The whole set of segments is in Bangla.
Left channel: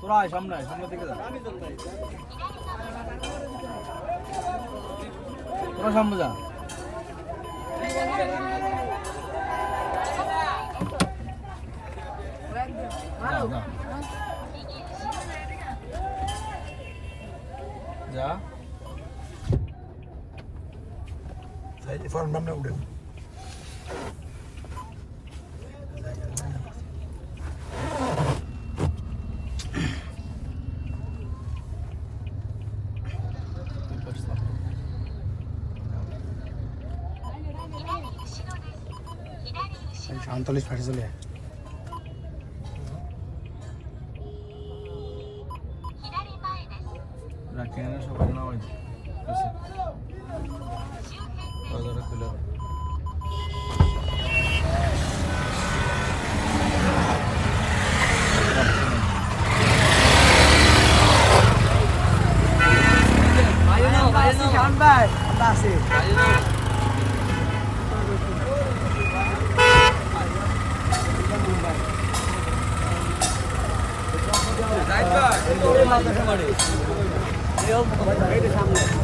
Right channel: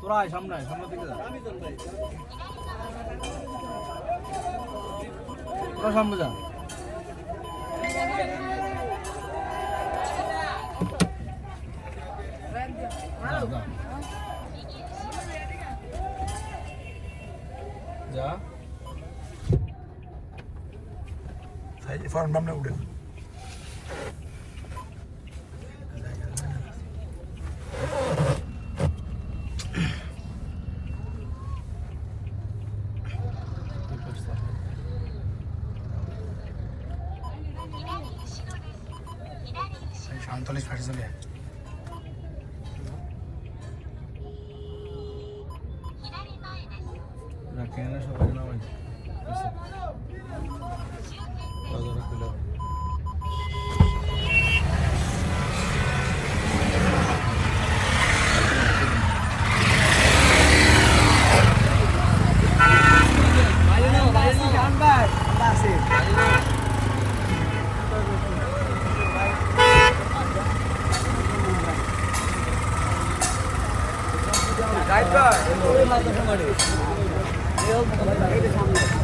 তোরা সামনে সামনে দিকে যা তোরা সামনে যা, যা। ফর্ম নাম না উঠেন সাঁতাল্লিশ ফাটে চলে রাখেন সবাই নামাই দিছে দরজাটা খুলে 没有五个小时的上不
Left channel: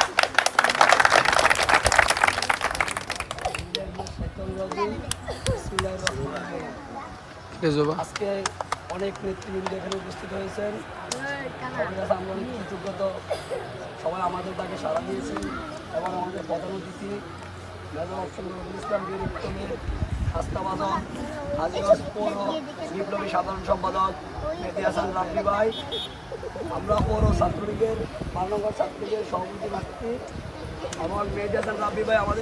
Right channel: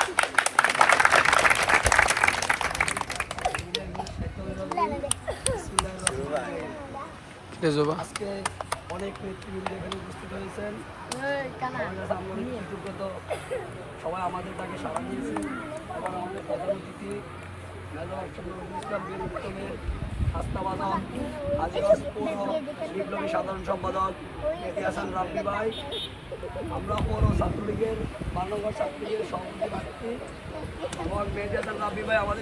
অনেক নেতৃবৃন্দ এখানে উপস্থিত হয়েছেন। সবাই আমাদের তাকে সাড়া দিয়েছি এবং আমাদের প্রধান অতিথি বিপ্লবী সাধারণ সম্পাদক মেহদি হাসান রাব্বি ভাই। আমরা পৌর ছাত্রলীগের বাংলাঘর ছাত্রলীগের সভাপতি ব্যক্তি এবং আমাদের